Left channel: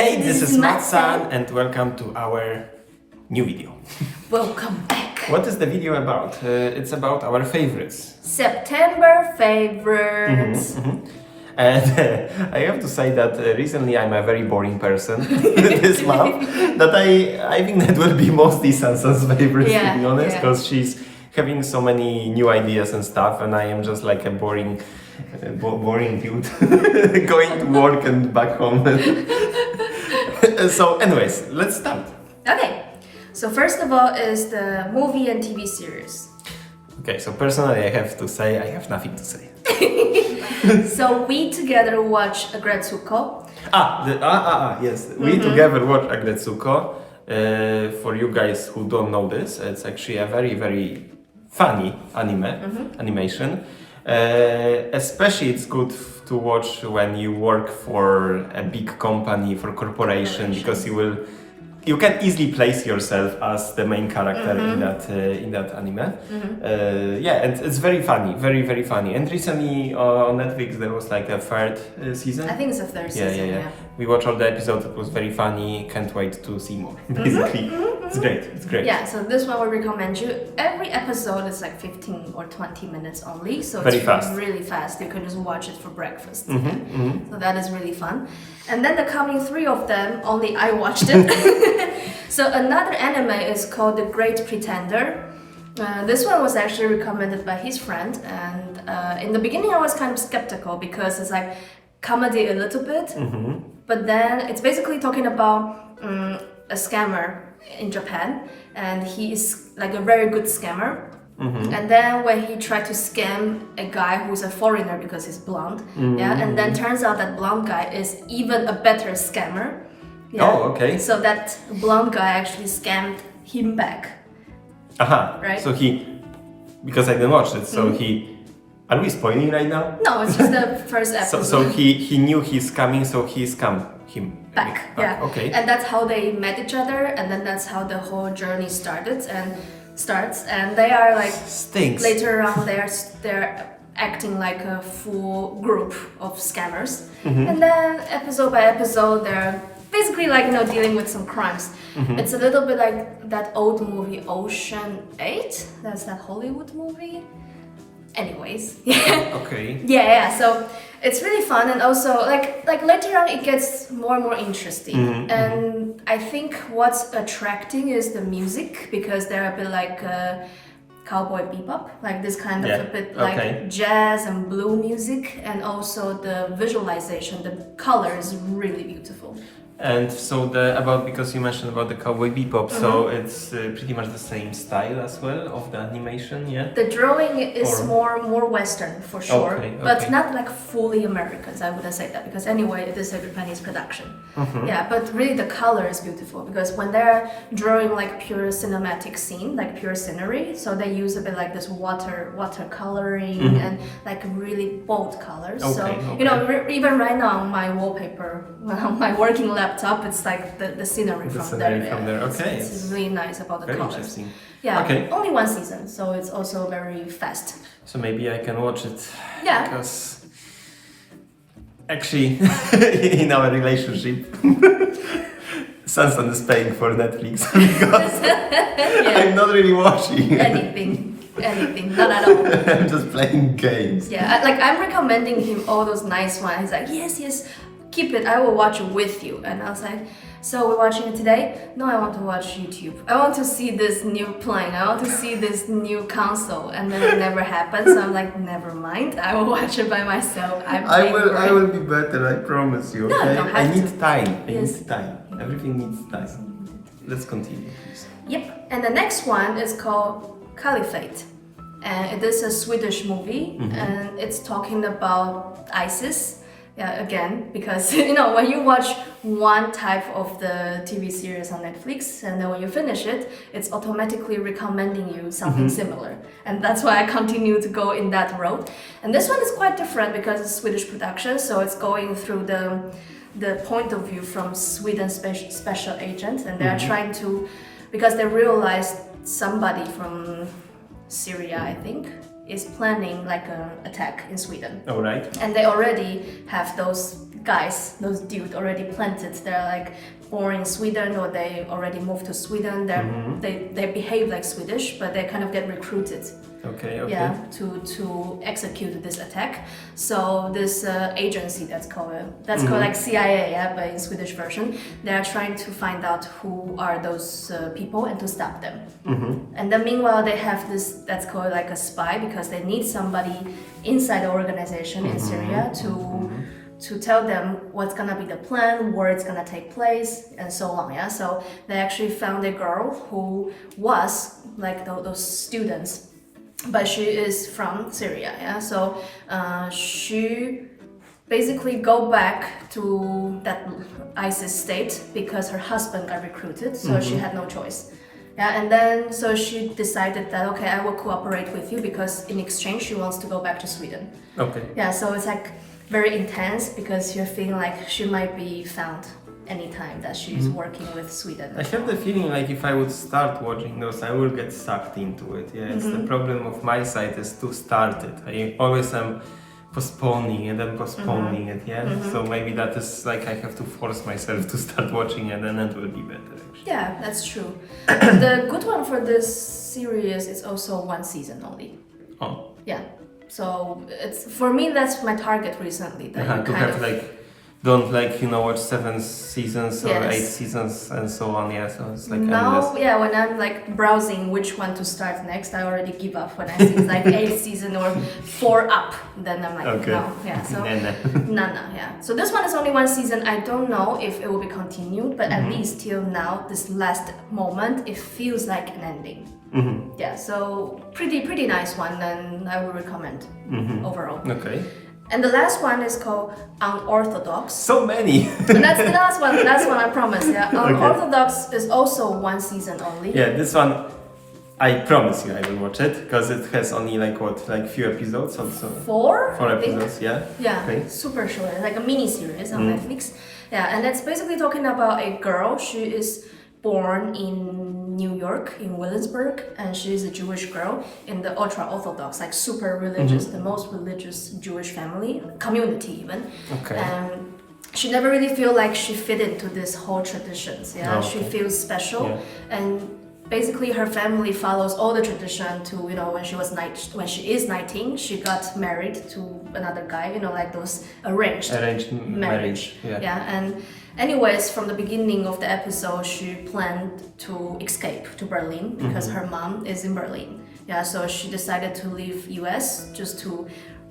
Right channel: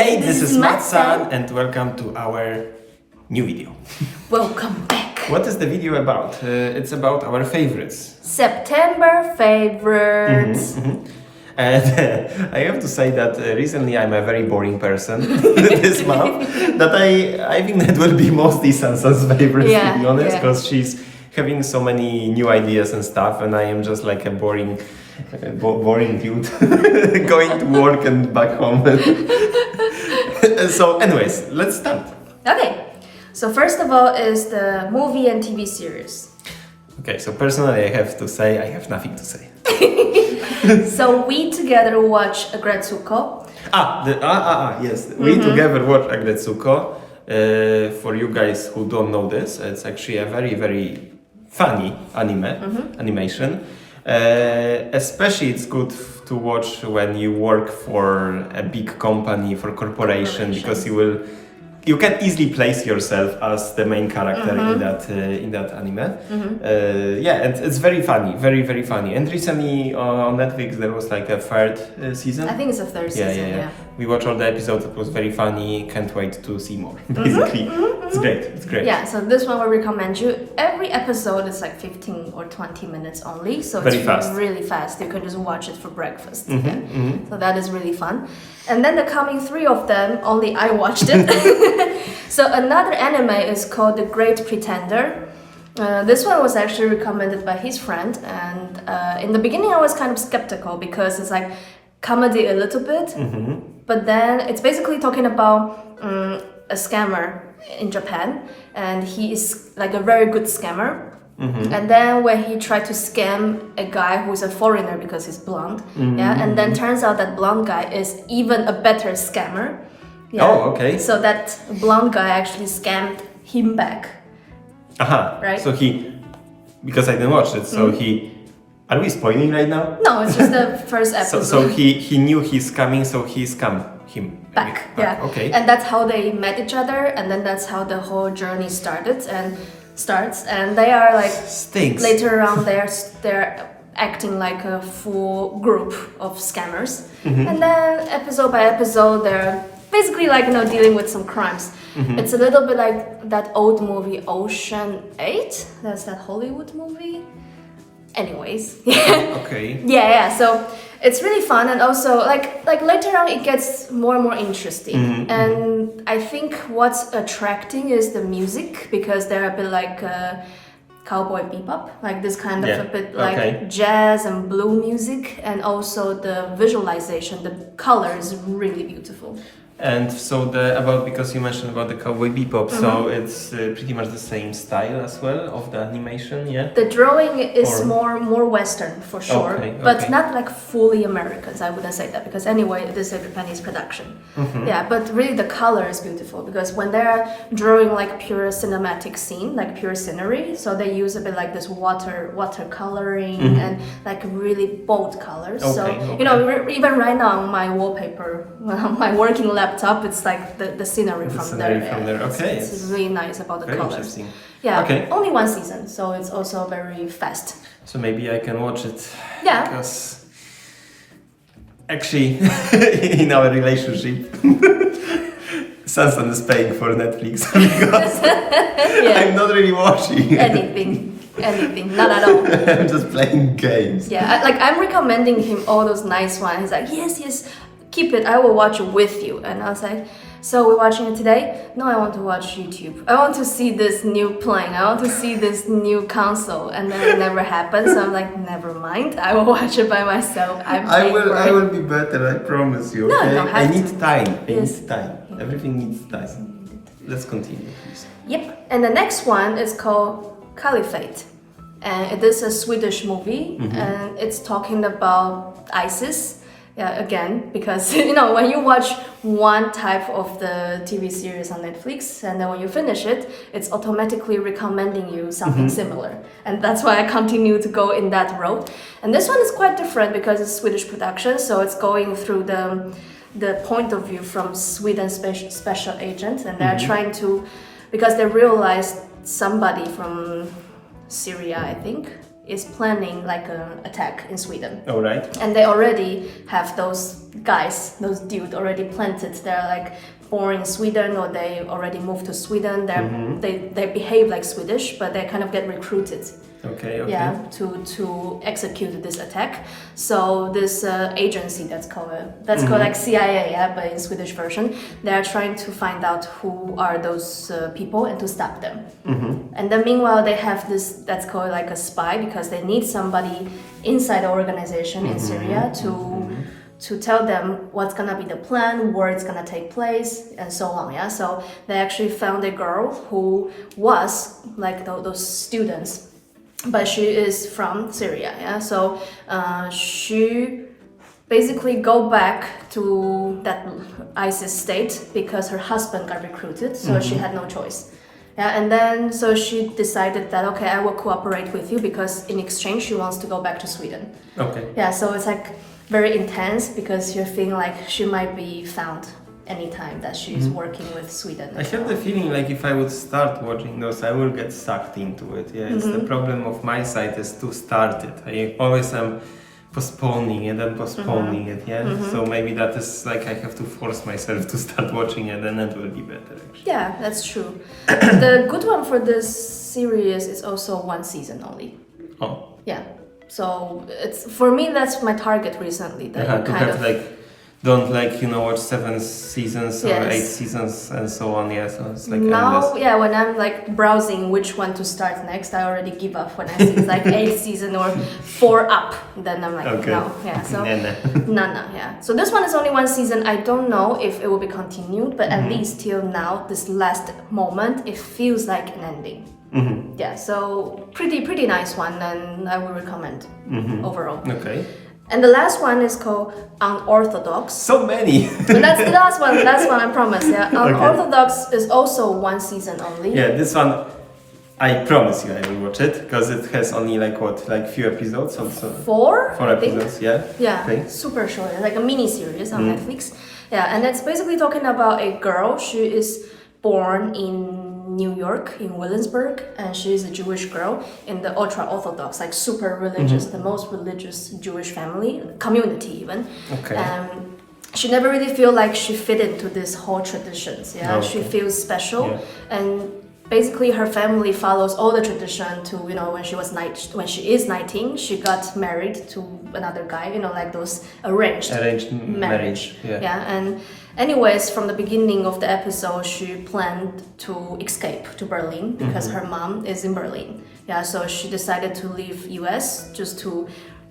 Hey, this is MATSAN and welcome to our new video. Welcome back. What is the video about? It's about our favorites. September favorites. And I have to say that recently I'm a very boring person this month. That I think that will be mostly Sansa's favorites, to be honest, because she's having so many new ideas and stuff, and I am just like a boring dude going to work and back home. So anyways, let's start. Okay, so first of all is the movie and TV series. Okay, so personally I have to say I have nothing to say. So we together watch Agretsuko. Yes, we together watch Agretsuko. For you guys who don't know this, it's actually a very, very funny animation. Especially it's good to watch when you work for a big company, for corporation, because you can easily place yourself as the main character in that anime. And it's very funny, very, very funny. And recently on Netflix there was like a third season. I think it's the third season. Yeah. We watched all the episodes. It was very funny. Can't wait to see more. Basically, it's great. It's great. Yeah. So this one we recommend you. Every episode is like 15 or 20 minutes only. So very it's fast. Really fast. You can just watch it for breakfast. So that is really fun. And then the coming 3 of them, only I watched it. So another anime is called The Great Pretender. This one was actually recommended by his friend, and in the beginning I was kind of skeptical because it's like comedy a little bit, but then it's basically talking about a scammer in Japan, and he is like a very good scammer. And then when he tried to scam a guy who's a foreigner because he's blonde, and then turns out that blonde guy is even a better scammer. Yeah. Oh, okay. So that blonde guy actually scammed him back. Right? So because I didn't watch it, so are we spoiling right now? No, it's just the first episode. So he knew he's coming, so he scammed him back. Yeah. Okay. And that's how they met each other, and then that's how the whole journey starts. And they are like stinks. Later on, they're acting like a full group of scammers, and then episode by episode, they're basically like dealing with some crimes. It's a little bit like that old movie Ocean 8. That's that Hollywood movie. Anyways. Okay. Yeah. So it's really fun, and also like later on it gets more and more interesting. And I think what's attracting is the music, because they're a bit like Cowboy Bebop, like this kind of a bit like jazz and blue music, and also the visualization, the color is really beautiful. And so because you mentioned about the Cowboy Bebop, so it's pretty much the same style as well of the animation, yeah? The drawing is more Western for sure, but not like fully Americans, I wouldn't say that, because anyway it is a Japanese production. Yeah, but really the color is beautiful, because when they're drawing like pure cinematic scene, like pure scenery, so they use a bit like this water coloring and like really bold colors. Even right now on my wallpaper, on my working laptop, it's like the scenery from there. Okay. It's really nice about the very colors. Interesting. Yeah. Okay. Only one season, so it's also very fast. So maybe I can watch it. Yeah. Because actually, in our relationship, Sansan is paying for Netflix because I'm not really watching anything, not at all. I'm just playing games. Yeah, I'm recommending him all those nice ones. He's like, yes, keep it, I will watch it with you. And I was like, so we're watching it today? No, I want to watch YouTube. I want to see this new plane. I want to see this new console. And then it never happened. So I'm like, never mind. I will watch it by myself. I will be better, I promise you. Okay? No, I need time. Everything needs time. Let's continue, please. Yep. And the next one is called Caliphate. And it is a Swedish movie. And it's talking about ISIS. Yeah, again, because when you watch one type of the TV series on Netflix, and then when you finish it, it's automatically recommending you something similar. And that's why I continue to go in that road. And this one is quite different because it's Swedish production, so it's going through the point of view from Sweden's special agent, and they're trying to, because they realized somebody from Syria, I think, is planning like an attack in Sweden. All right. And they already have those guys, those dudes already planted. They're like born in Sweden or they already moved to Sweden. They behave like Swedish, but they kind of get recruited. Okay. Yeah, to execute this attack. So this agency that's called like CIA, yeah, but in Swedish version, they are trying to find out who are those people and to stop them. And then meanwhile they have this that's called like a spy because they need somebody inside the organization in Syria to tell them what's gonna be the plan, where it's gonna take place, and so on. Yeah, so they actually found a girl who was like those students. But she is from Syria, yeah. So she basically go back to that ISIS state because her husband got recruited, so she had no choice. Yeah, and then so she decided that okay, I will cooperate with you because in exchange she wants to go back to Sweden. Okay. Yeah, so it's like very intense because you're feeling like she might be found anytime that she's working with Sweden. I have the feeling like if I would start watching those, I will get sucked into it. Yeah, it's the problem of my side is to start it. I always am postponing it and postponing it. Yeah, so maybe that is like I have to force myself to start watching it, and it will be better. Actually. Yeah, that's true. The good one for this series is also one season only. Oh. Yeah. So it's for me that's my target recently. To have like. Don't like watch 7 seasons or 8 seasons and so on. Yeah, so it's like now, endless. Yeah, when I'm like browsing which one to start next, I already give up when I see it's like 8 season or 4 up. Then I'm like, okay. No, yeah. So no, yeah. So this one is only 1 season. I don't know if it will be continued, but at least till now, this last moment, it feels like an ending. Yeah, so pretty nice one, and I would recommend overall. Okay. And the last one is called Unorthodox. So many. And that's the last one. Last one, I promise. Yeah. Unorthodox is also 1 season only. Yeah, this one, I promise you, I will watch it because it has only like few episodes. Also. 4 episodes. Yeah. Yeah. Okay. Super short, like a mini series on Netflix. Yeah, and it's basically talking about a girl. She is born in New York, in Williamsburg, and she's a Jewish girl in the ultra-Orthodox, like super religious, the most religious Jewish family, community even. Okay. And she never really feel like she fit into this whole traditions, yeah? Oh, okay. She feels special, and basically her family follows all the tradition to, when she is 19, she got married to another guy, like those arranged marriage. Yeah, and anyways, from the beginning of the episode, she planned to escape to Berlin because her mom is in Berlin. Yeah, so she decided to leave US just to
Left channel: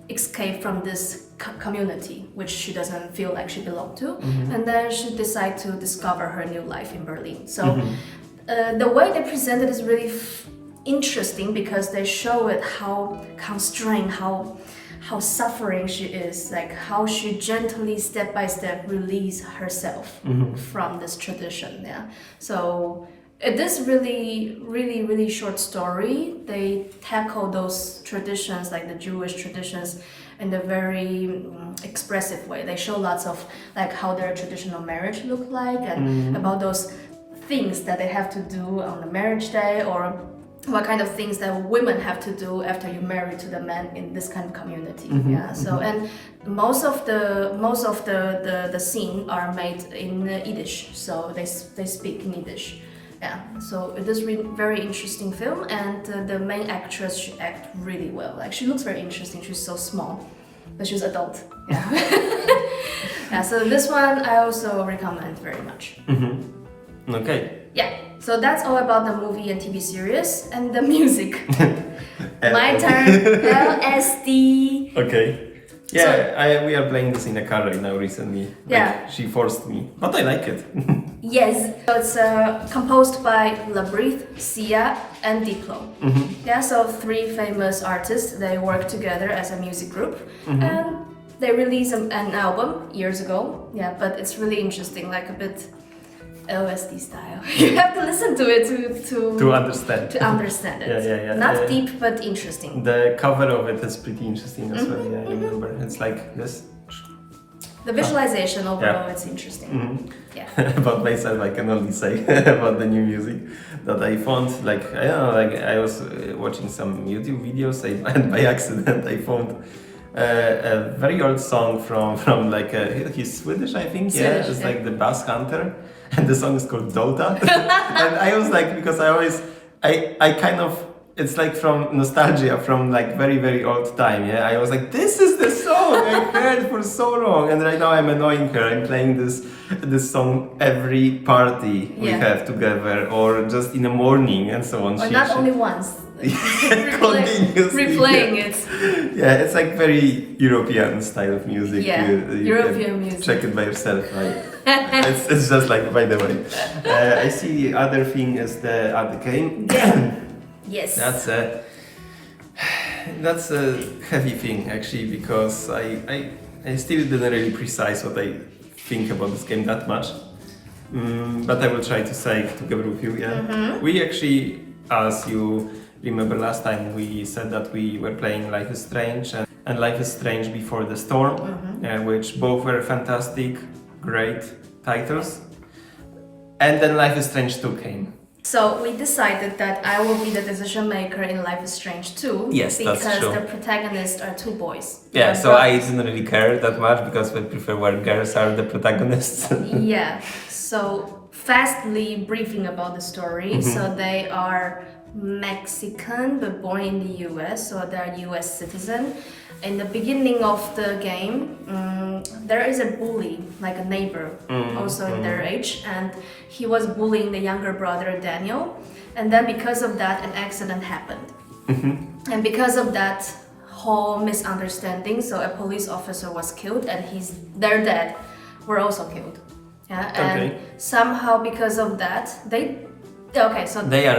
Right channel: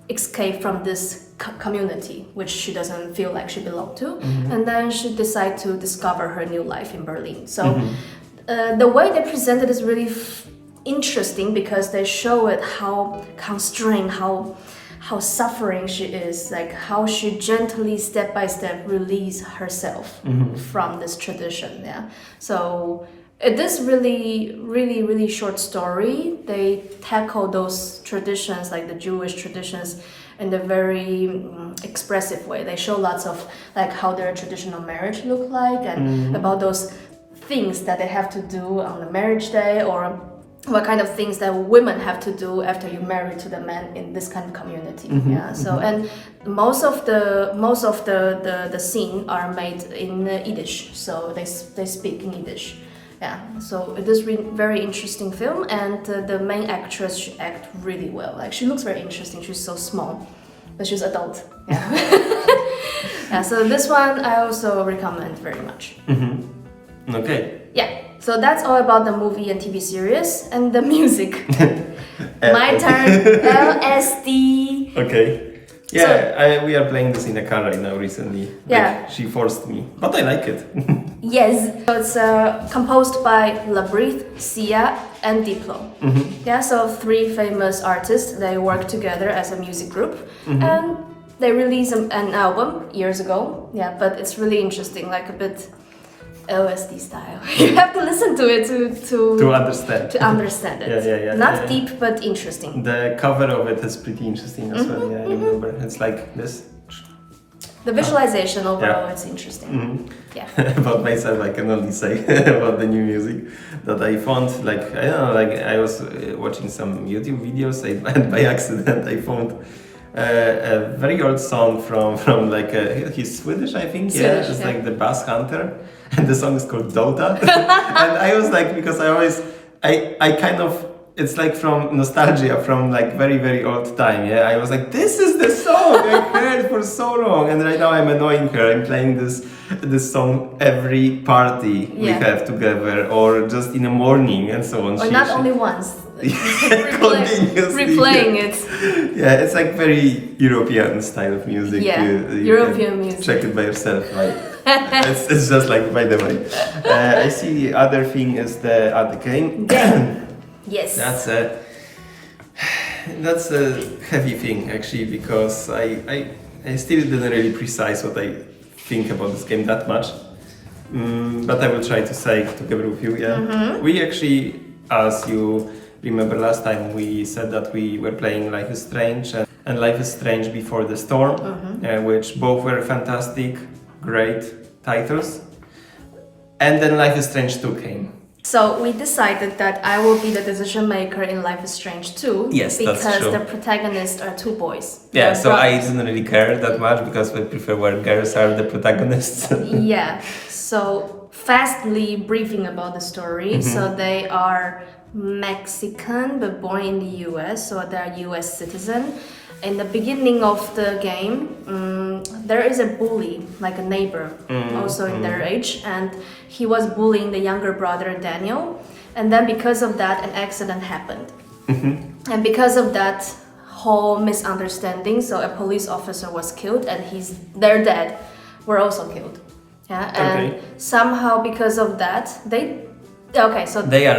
escape from this community, which she doesn't feel like she belonged to. And then she decided to discover her new life in Berlin. So the way they present it is really interesting because they show it how constrained, how suffering she is, like how she gently step by step release herself from this tradition. Yeah, so it is really short story. They tackle those traditions, like the Jewish traditions, in a very expressive way. They show lots of like how their traditional marriage look like and about those things that they have to do on the marriage day, or what kind of things that women have to do after you're married to the man in this kind of community. Yeah. So and most of the scene are made in Yiddish, so they speak in Yiddish. Yeah. So it is very interesting film, and the main actress, she act really well. Like she looks very interesting. She's so small, but she's adult. Yeah. Yeah. So this one I also recommend very much. Okay. Yeah. So that's all about the movie and TV series and the music. My turn. LSD. Okay. Yeah, we are playing this in a car right now recently. Yeah. Like, she forced me, but I like it. Yes. So it's composed by Labrith, Sia, and Diplo. Yeah. So 3 famous artists. They work together as a music group, and they released an album years ago. Yeah, but it's really interesting, like a bit LSD style. You have to listen to it to understand. To understand it. Yeah. Not deep, but interesting. The cover of it is pretty interesting as well. Yeah, I remember. It's like this. The visualization overall, it's interesting. Yeah. About myself, I can only say about the new music that I found. Like I don't know, like I was watching some YouTube videos, and by accident I found a very old song from like he's Swedish, I think. Swedish, It's yeah. like the Bass Hunter, and the song is called Dota. And I was like, because I kind of, it's like from nostalgia from like very, very old time. Yeah, I was like, this is the song I heard for so long, and right now I'm annoying her. I'm playing this song every party we have together, or just in the morning and so on. Or not only once. Continuously. Replaying it. Yeah, it's like very European style of music. Yeah, you European can music. check it by yourself. Right? it's just like, by the way. I see the other thing is the other game. Yes. That's a heavy thing actually, because I still didn't really precise what I think about this game that much. But I will try to say it together with you. Yeah. We actually, as you remember last time, we said that we were playing Life is Strange and Life is Strange Before the Storm, which both were fantastic, great titles. And then Life is Strange 2 came. So we decided that I will be the decision maker in Life is Strange 2. Yes, that's true. Because the protagonists are two boys. Yeah, so brothers. I didn't really care that much because I prefer where girls are the protagonists. Yeah. So fastly briefing about the story. So they are Mexican but born in the US, so they're US citizen. In the beginning of the game, there is a bully, like a neighbor, also in their age, and he was bullying the younger brother Daniel. And then because of that, an accident happened. And because of that whole misunderstanding, so a police officer was killed, and their dad were also killed. Yeah, and somehow because of that, they are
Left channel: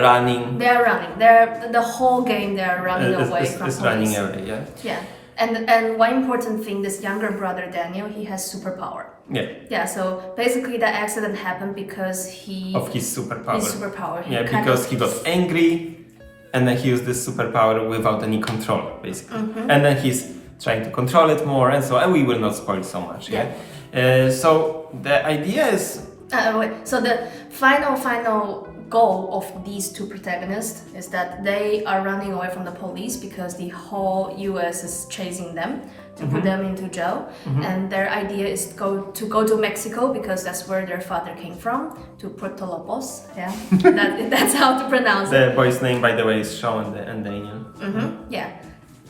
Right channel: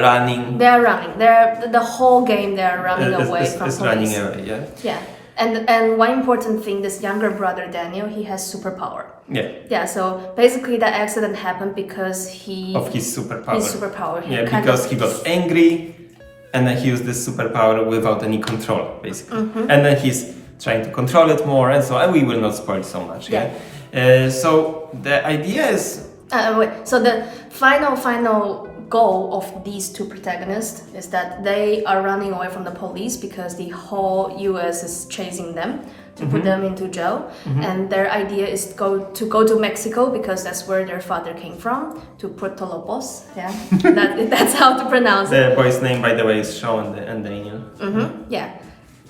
running. They're running. The whole game they are running away from police. Running away, yeah. Yeah. And one important thing, this younger brother Daniel, he has superpower. Yeah. Yeah, so basically that accident happened because of his superpower. He because he got angry and then he used this superpower without any control, basically. And then he's trying to control it more, and so we will not spoil so much, so the idea is... So the final goal of these two protagonists is that they are running away from the police because the whole US is chasing them to put them into jail, and their idea is to go to Mexico because that's where their father came from, to Puerto Lobos. Yeah, that's how to pronounce it. The boy's name, by the way, is Shawn and Daniel. Yeah.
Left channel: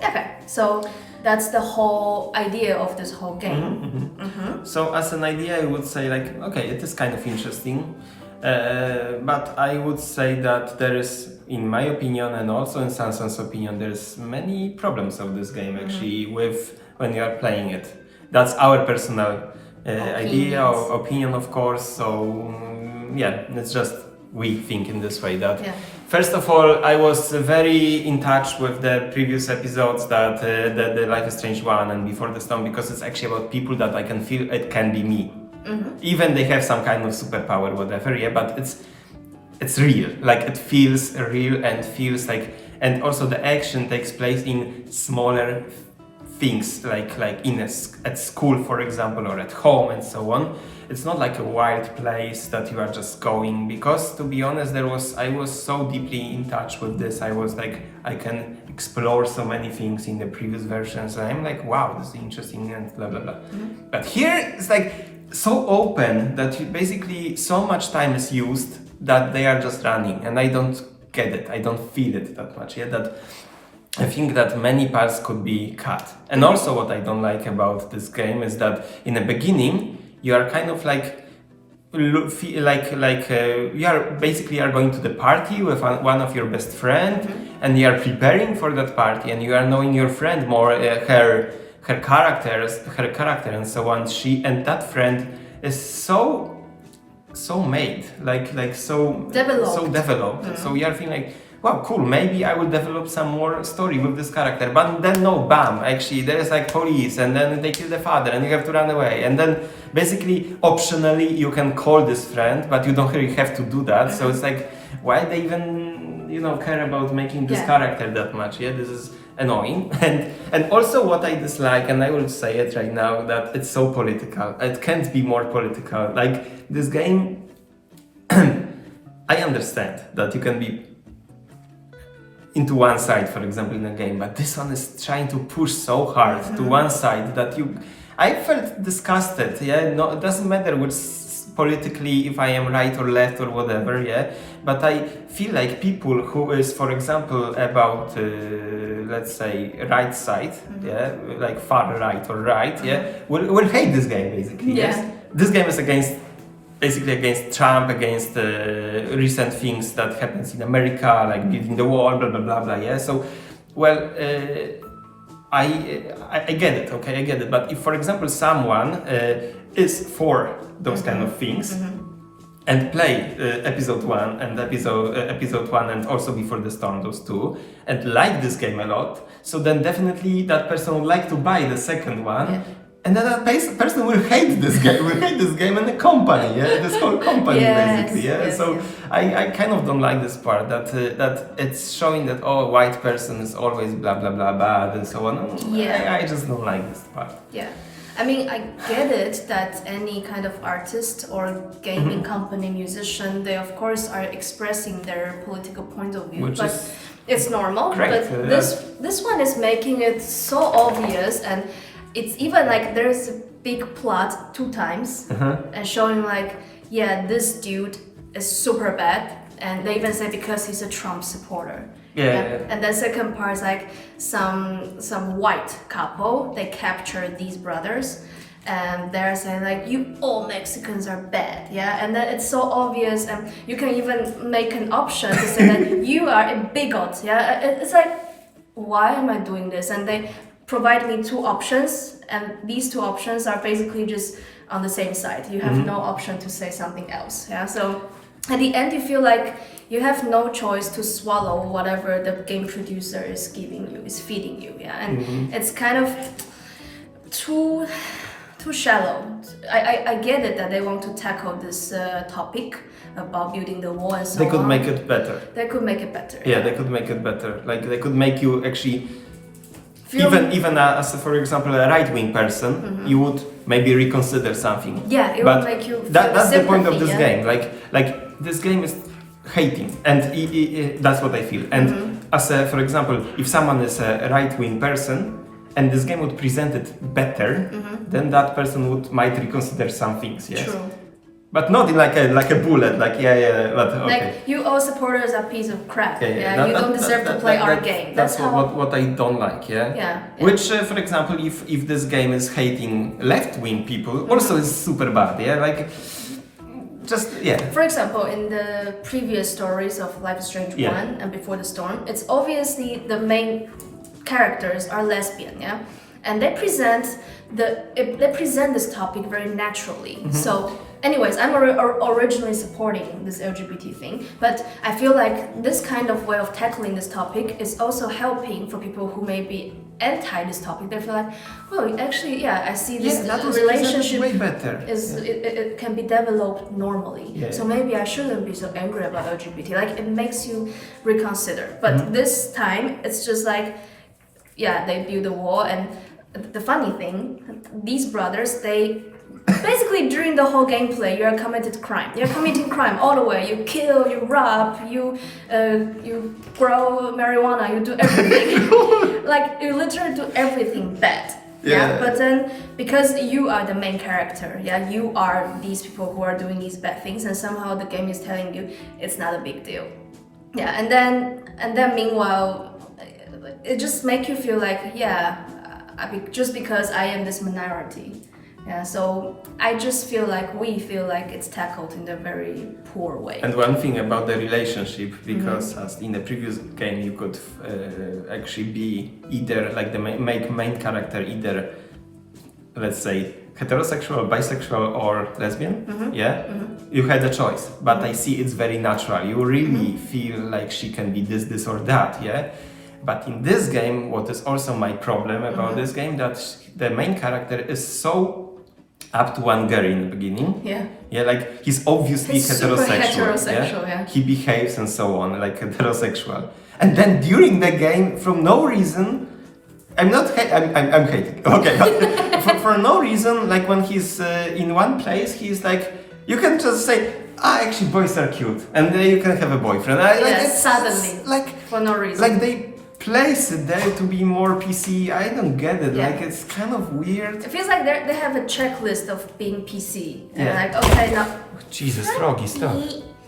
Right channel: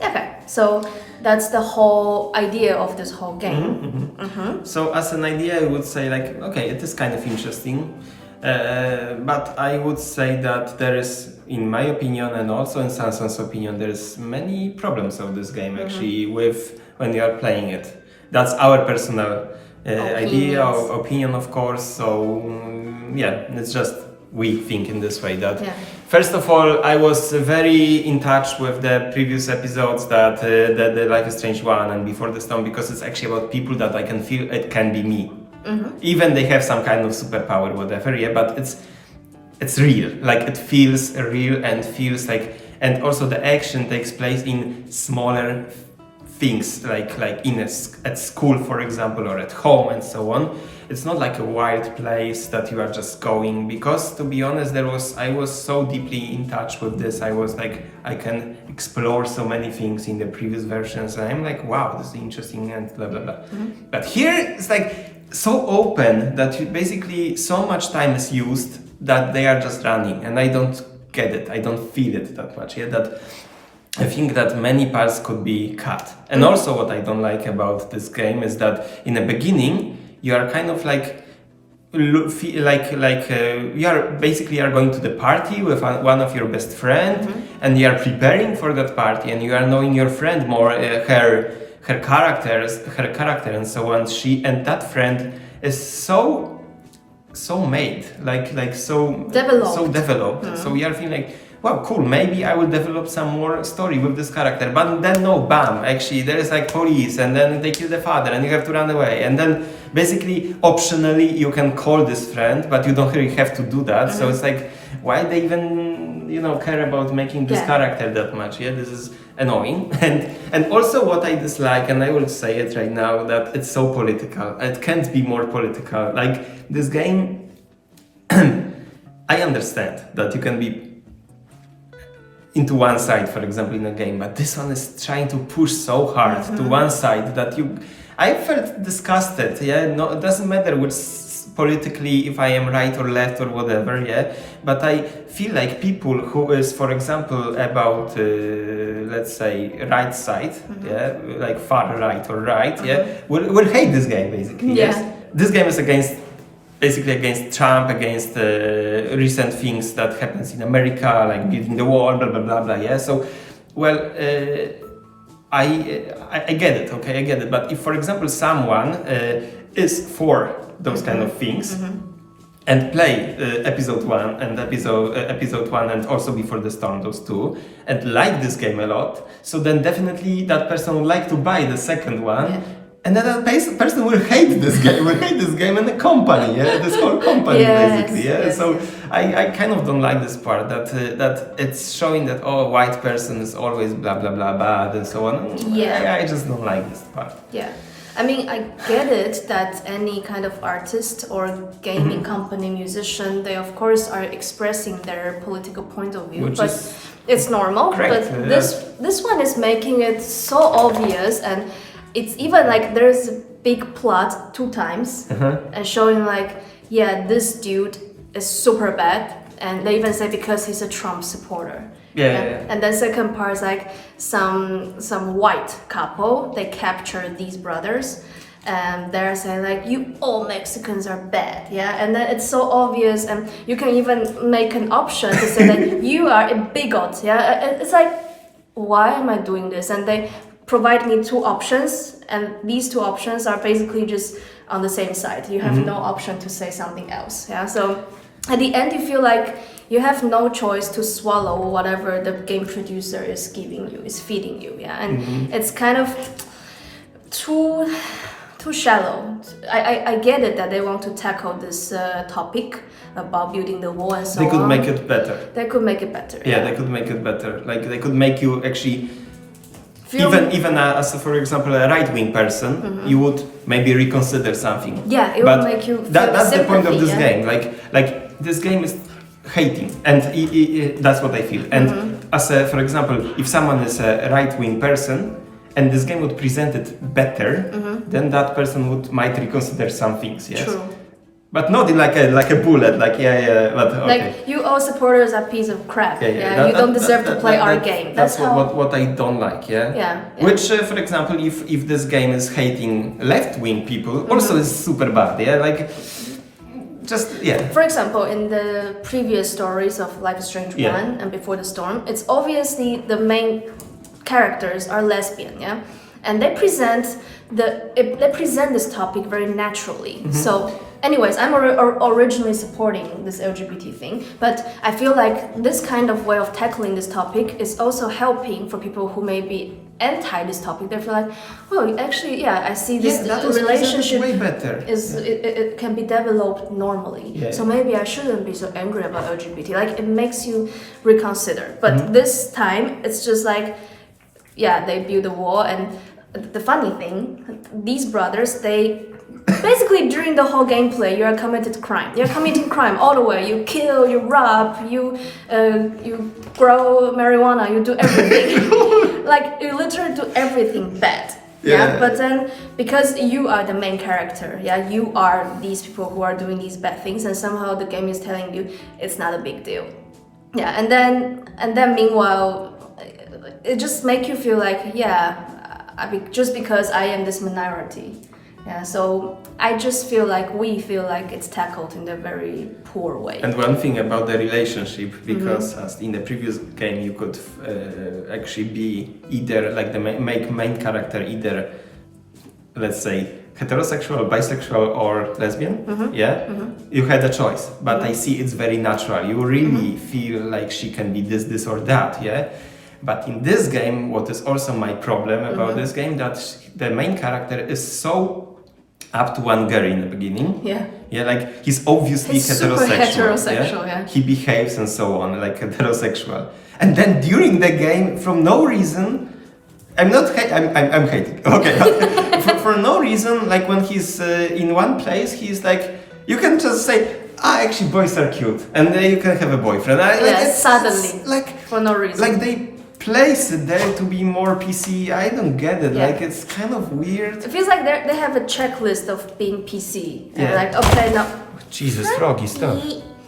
Okay, so that's the whole idea of this whole game. So as an idea, I would say like, okay, it is kind of interesting. But I would say that there is, in my opinion, and also in Samson's opinion, there's many problems of this game actually with when you are playing it. That's our personal idea or opinion, of course. So it's just we think in this way that. First of all, I was very in touch with the previous episodes that the Life is Strange 1 and Before the Storm, because it's actually about people that I can feel it can be me. Even they have some kind of superpower, whatever, but it's real. Like it feels real and feels like, and also the action takes place in smaller things, like at school, for example, or at home and so on. It's not like a wild place that you are just going, because to be honest, I was so deeply in touch with this. I was like, I can explore so many things in the previous versions, and I'm like, wow, this is interesting and blah blah blah. But here it's like so open that you basically so much time is used that they are just running, and I don't get it. I don't feel it that much. That I think that many parts could be cut. And also what I don't like about this game is that in the beginning you are kind of like you are going to the party with one of your best friend, and you are preparing for that party, and you are knowing your friend more, her character and so on. That friend is so made, so developed. So you are feeling like, wow, cool, maybe I will develop some more story with this character. But then no, bam, actually there is like police, and then they kill the father and you have to run away. And then basically optionally you can call this friend, but you don't really have to do that. So it's like, why they even care about making this character that much? This is annoying. And also what I dislike, and I will say it right now, that it's so political. It can't be more political. Like this game, I understand that you can be into one side, for example, in a game, but this one is trying to push so hard to one side that I felt disgusted. Yeah, no, it doesn't matter which politically if I am right or left or whatever. Yeah, but I feel like people who is, for example, about let's say right side, yeah, like far right or right, yeah, will hate this game basically. Yeah. Yes, this game is basically against Trump, against recent things that happens in America, like building the wall, blah blah blah blah. Yeah, so well, I get it. Okay, I get it. But if, for example, someone is for those kind of things and play episode 1 and episode 1 and also Before the Storm, those two, and like this game a lot, so then definitely that person would like to buy the second one. And then that person will hate this game, and the company, yeah, this whole company basically, yeah. Yes, so I kind of don't like this part that it's showing that white person is always blah blah blah bad and so on. Yeah. I just don't like this part. Yeah. I mean, I get it that any kind of artist or gaming company, musician, they of course are expressing their political point of view, but it's normal. Correct, but this one is making it so obvious, and it's even like there's a big plot 2 times and showing like, yeah, this dude is super bad, and they even say because he's a Trump supporter. And then second part is like some white couple, they capture these brothers and they're saying like, you all Mexicans are bad, yeah, and then it's so obvious, and you can even make an option to say that you are a bigot, yeah. It's like, why am I doing this? And they provide me 2 options, and these 2 options are basically just on the same side. You have no option to say something else. Yeah. So at the end, you feel like you have no choice to swallow whatever the game producer is giving you, is feeding you. Yeah. And it's kind of too shallow. I get it that they want to tackle this topic about building the wall and so on. They could make it better. They could make it better. Yeah, they could make it better. Like they could make you actually. Even as, for example, a right-wing person, you would maybe reconsider something. Yeah, it would make you. That's the point of this game. Like this game is hating, and that's what I feel. And as for example, if someone is a right-wing person, and this game would present it better, then that person might reconsider some things. Yes. True. But not in like a bullet, but okay. Like, you all supporters are piece of crap. Yeah, you don't deserve to play our game. That's what I don't like. Yeah. Which, for example, if this game is hating left-wing people, also is super bad. Yeah, like just yeah. For example, in the previous stories of Life is Strange 1 and Before the Storm, it's obviously the main characters are lesbian. Yeah, and they present this topic very naturally. So. Anyways, I'm originally supporting this LGBT thing, but I feel like this kind of way of tackling this topic is also helping for people who may be anti this topic. They feel like, oh, actually, yeah, I see this relationship way better. It can be developed normally. Yeah. So maybe I shouldn't be so angry about LGBT. Like, it makes you reconsider. But this time, it's just like, yeah, they build a wall, and the funny thing, these brothers, they basically during the whole gameplay you are committing crime all the way. You kill, you rob, you grow marijuana, you do everything. Like, you literally do everything bad. Yeah. But then because you are the main character, you are these people who are doing these bad things, and somehow the game is telling you it's not a big deal. Yeah. And then meanwhile it just makes you feel like, just because I am this minority. Yeah, so I just feel like it's tackled in a very poor way. And one thing about the relationship, because as in the previous game you could actually be either like the main character, either let's say heterosexual, bisexual, or lesbian. You had a choice, but I see it's very natural. You really feel like she can be this or that. Yeah. But in this game, what is also my problem about this game, that the main character is so up to one girl in the beginning. Yeah, like he's obviously heterosexual. Yeah? He behaves and so on, like heterosexual. And then during the game, from no reason, I'm hating. Okay, but for no reason, like when he's in one place, he's like, you can just say, actually boys are cute, and you can have a boyfriend. Suddenly, for no reason. Like they place it there to be more PC. I don't get it. Like it's kind of weird. It feels like they have a checklist of being PC. They're Yeah. like, okay, now. Jesus, Froggy, stop.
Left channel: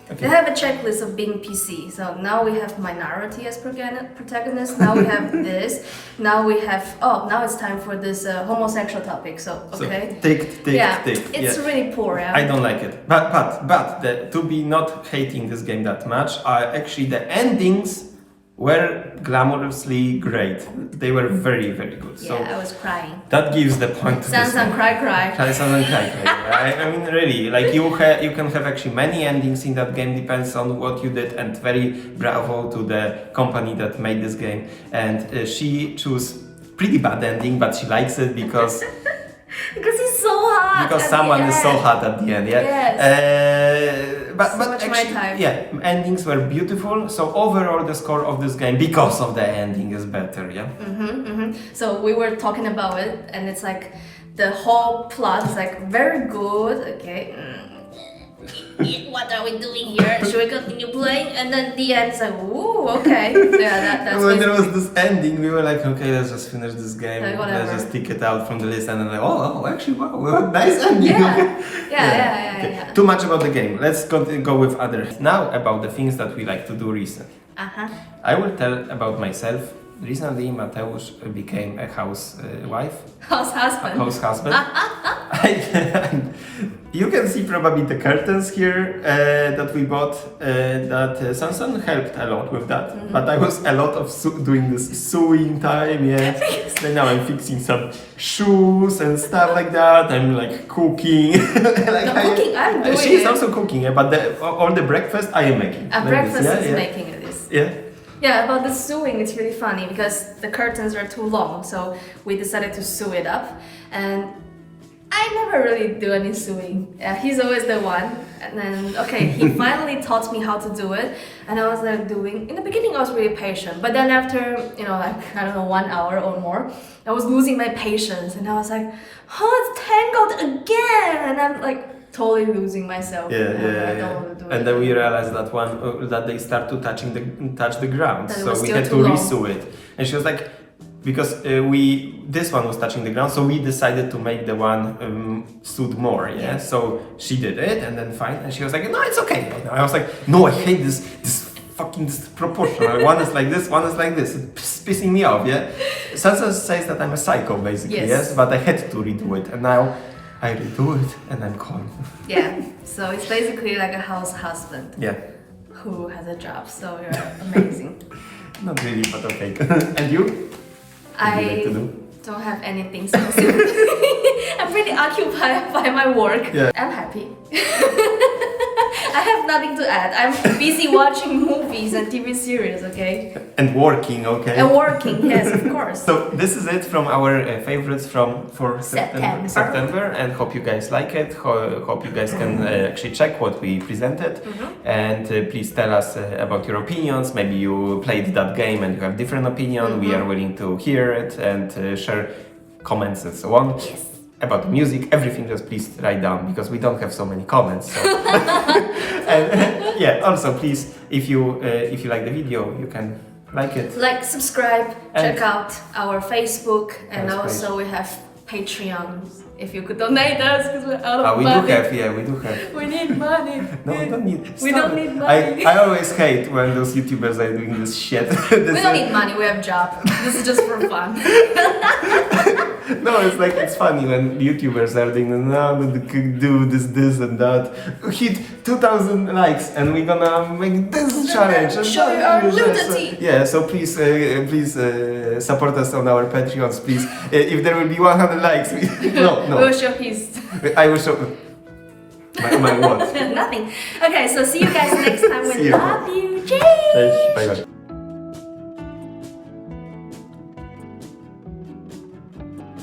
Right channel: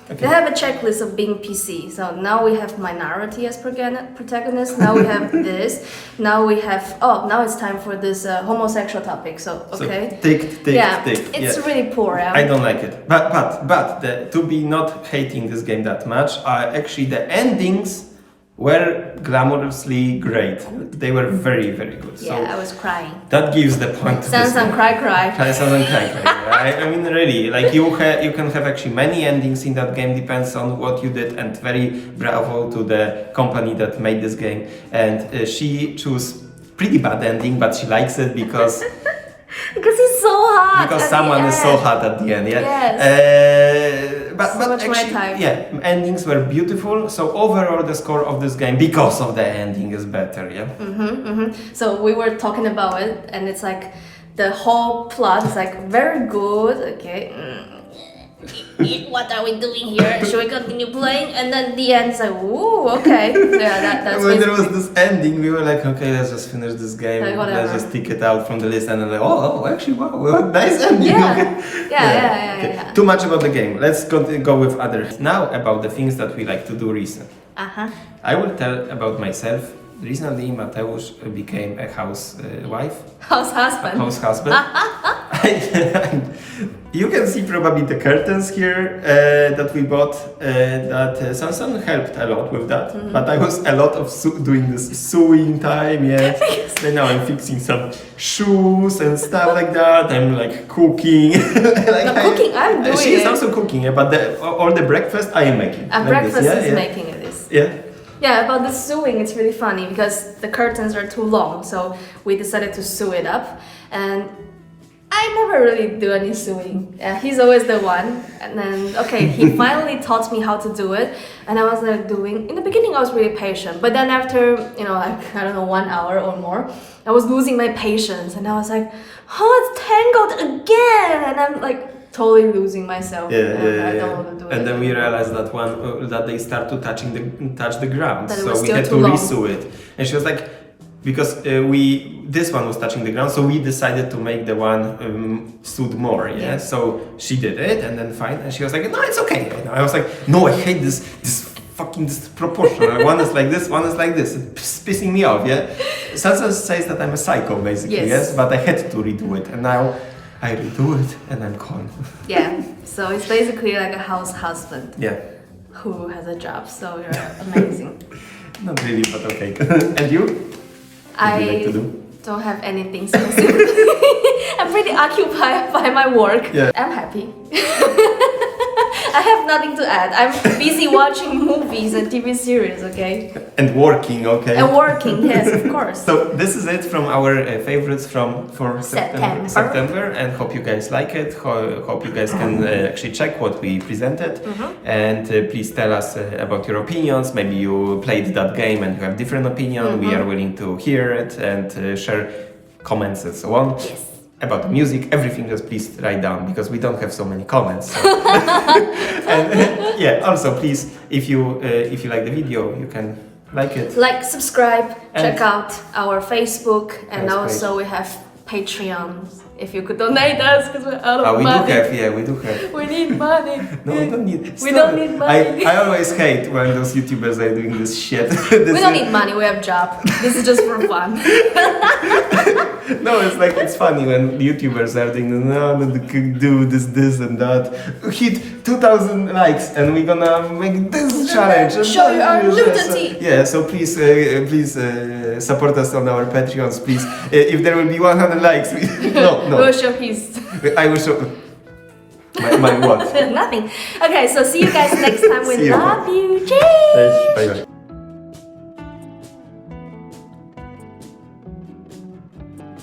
They have a checklist of being PC. So now we have minority as protagonist. Now we have this. Now we have. Oh, now it's time for this homosexual topic. So okay. So, tick. It's really poor. Yeah? I don't like it. But to be not hating this game that much, actually the endings were glamorously great. They were very, very good. Yeah, So I was crying. that gives the point to this Sansan game. cry. Sansan cry. I mean, really, like you can have actually many endings in that game. Depends on what you did, and very bravo to the company that made this game. And she chose pretty bad ending, but she likes it because. Because he's so hot. Because someone is so hot at the end, yeah. Yes. But actually, endings were beautiful. So overall, the score of this game, because of the ending, is better, yeah. So we were talking about it, and it's like the whole plot is like very good. Okay. What are we doing here? Should we continue playing? And then the end is like, ooh, okay. Yeah, that's when there was this ending, we were like, okay, let's just finish this game. Like, let's just take it out from the list. And then like, actually, wow, nice ending. Yeah. Too much about the game. Let's go with others. Now about the things that we like to do recently. I will tell about myself. Recently, Mateusz became a housewife. House husband. House husband. You can see probably the curtains here that we bought. That Sansan helped a lot with that. But I was a lot of doing this sewing time. Yeah. Then now I'm fixing some shoes and stuff like that. I'm like cooking. Cooking. I'm doing. She is also cooking. Yeah, but all the breakfast I am making. Breakfast is making this. Yeah. Yeah, about the sewing, it's really funny because the curtains are too long, so we decided to sew it up. And I never really do any sewing. Yeah, he's always the one. And then, he finally taught me how to do it. And I was like in the beginning I was really patient. But then after, 1 hour or more, I was losing my patience. And I was like, it's tangled again. And I'm like, totally losing myself. Yeah. Don't want to do it. And then we realized that they start to touch the ground, so we had to resew it. And she was like, because this one was touching the ground, so we decided to make the one sewed more. Yeah. So she did it, and then fine. And she was like, no, it's okay. And I was like, no, I hate this fucking disproportional. One is like this, one is like this. It's pissing me off. Yeah. Sansa says that I'm a psycho, basically. Yes. But I had to redo it, and now I redo it and I'm calm. Yeah, so it's basically like a house husband. Yeah. Who has a job, so you're amazing. Not really, but okay. And you? What do you like to do? Don't have anything specific. I'm pretty occupied by my work. Yeah. I'm happy. I have nothing to add. I'm busy watching movies and TV series, okay? And working, okay? And working, yes, of course. So this is it from our favorites for September, and hope you guys like it. Hope you guys can actually check what we presented, and please tell us about your opinions. Maybe you played that game and you have different opinion. We are willing to hear it and share comments and so on. Yes. About the music, everything, just please write down because we don't have so many comments. So. And also please, if you like the video, you can like it. Like, subscribe, check out our Facebook, and also we have Patreon. If you could donate us, because we're out of money. We do have. We need money. No, we don't need. We don't need money. I always hate when those YouTubers are doing this shit. We don't need money, we have a job. This is just for fun. No, it's funny when YouTubers are doing do this and that. Hit 2,000 likes and we're gonna make this challenge. Show your nudity. Yeah, so please support us on our Patreons, please. If there will be 100 likes, no. We will show his. I will show my what? Nothing. Okay, so see you guys next time. We love you. Cheers. Bye bye.